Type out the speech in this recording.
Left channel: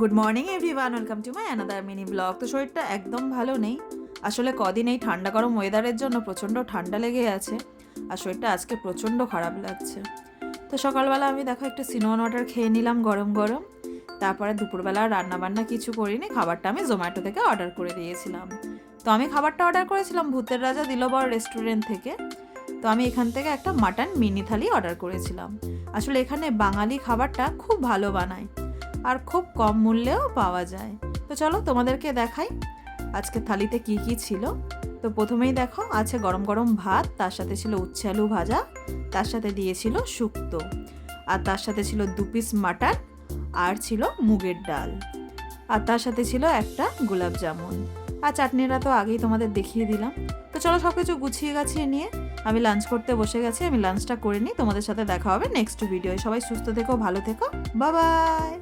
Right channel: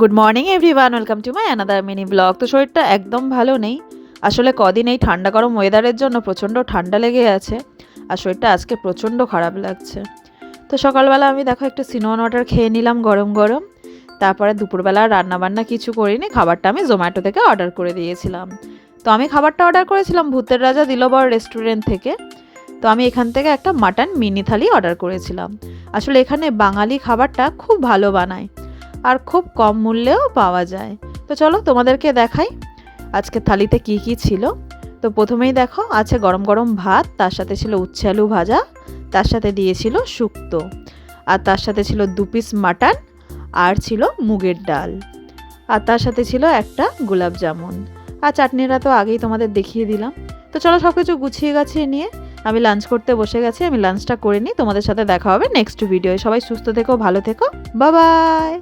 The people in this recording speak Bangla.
Good morning everyone, welcome to my another mini blog. তো শরীরটা একদম ভালো নেই আসলে। কদিন এই ঠান্ডা গরম ওয়েদারের জন্য প্রচণ্ড ঠান্ডা লেগে আছে আর শরীরটা আজকে প্রচণ্ড খারাপ লাগছে। তো সকালবেলা আমি দেখো একটু সিনামন ওয়াটার খেয়ে নিলাম গরম গরম। তারপরে দুপুরবেলা রান্নাবান্না কিছু করিনি, খাবারটা আমি জোম্যাটো থেকে অর্ডার করে দিয়েছিলাম। তো আমি খাবারটা অর্ডার করেছিলাম ভূতের রাজা দিলবর রেস্টুরেন্ট থেকে। তো আমি এখান থেকে একটা মাটন মিনি থালি অর্ডার করেছিলাম। আসলে এখানে বাঙালি খাবারটা খুব ভালো বানায় আর খুব কম মূল্যেও পাওয়া যায়। তো চলো তোমাদেরকে দেখাই আজকে থালিতে কি কি ছিল। তো প্রথমেই দেখো আছে গরম গরম ভাত, তার সাথে ছিল উচ্ছে আলু ভাজা, তার সাথে দিয়েছিল শুক্তো, আর তার সাথে ছিল 2 পিস মাটন, আর ছিল মুগের ডাল, আর তার সাথে ছিল একটা গোলাপ জামুন, আর চাটনিটা তো আগেই তোমাদের দেখিয়ে দিলাম। তো চলো সব কিছু গুছিয়ে গাছিয়ে নিয়ে আমি লাঞ্চ করতে বসে গেছি। আমি লাঞ্চটা করে নিই, তোমাদের সাথে দেখা হবে নেক্সট ভিডিওয়ে। সবাই সুস্থ থেকো, ভালো থেকো, বাই বাই।